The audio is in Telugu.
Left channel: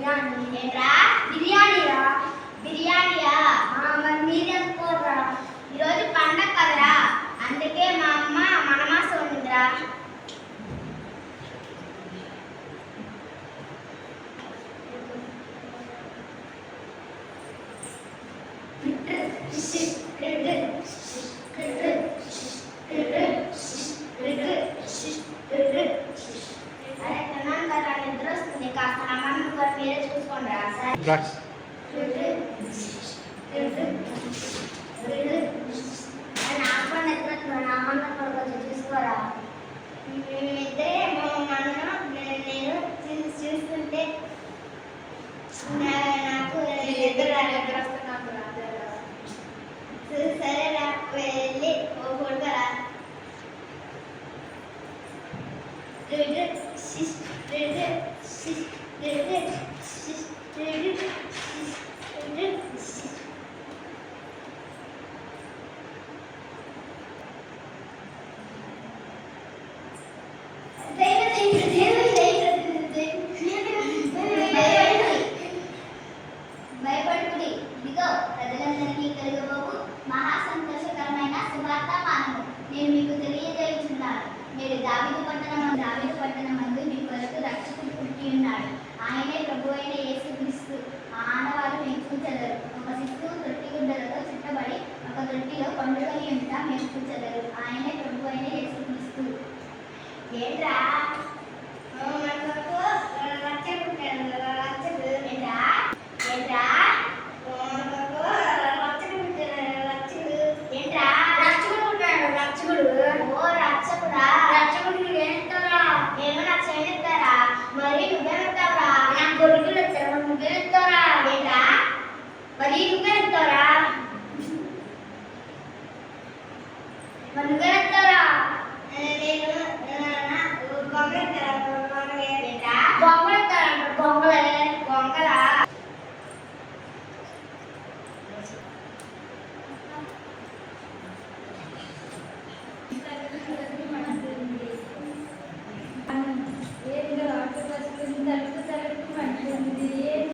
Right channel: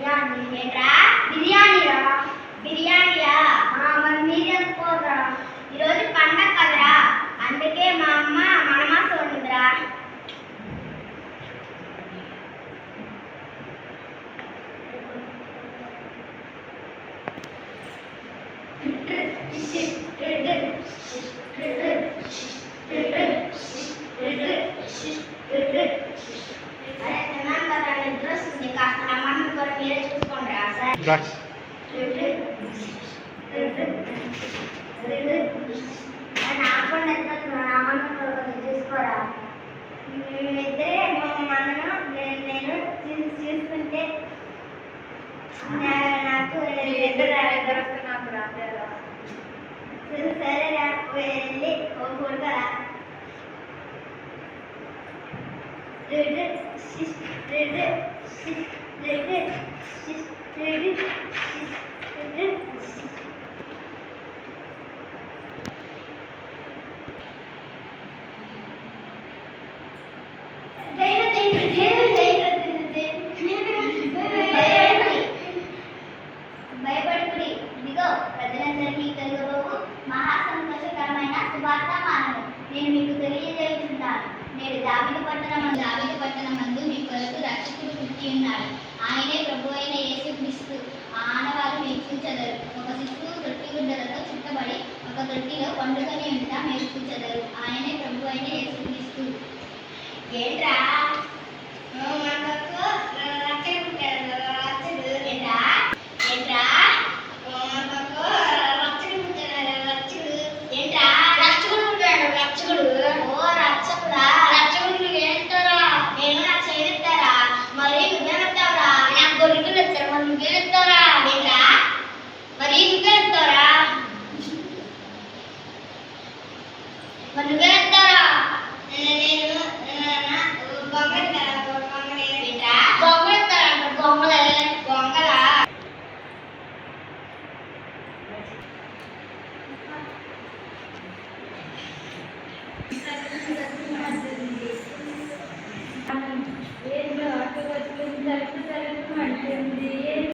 బిర్యానీ ఏంట్రా? బిర్యానీరా. బిర్యానీయా? మరి మీరేం కూరరా? ఈరోజు పండగ కదరా, అందుకే మా అమ్మ మనమాస వండుదిరా. చూసుకోరా, మేమిద్దరే నేను చూసుకుంటే నాకు ఇద్దరు వస్తున్నారు. సరేరా, వెళ్ళి ఓ కొడుకరా. భయపడుకుడి, ఇదిగో ప్రజలందరికీ కలుగబోవు మహాసంతోషకరమైన శుభార్తమానము నేను మీకు తెలియజేయుచున్నాను. నేడు దావీదు పట్టణమందు మీ కొరకు రక్షకుడు పుట్టి ఉన్నాడు. ఆయనే ప్రభు అయిన యేసుక్రీస్తు. ఆనవారు మీరు చూచెదరు. ఒక శిశువు తొట్టిగుడ్డలతో చుట్టబడి ఒక తొట్టిలో పండుగని ఉంటా మీరు చూచెదరు. ఆయనే ప్రభు అయిన యేసుక్రీస్తు. ఏంట్రా, రక్షకుడు పుట్టాడు కదా.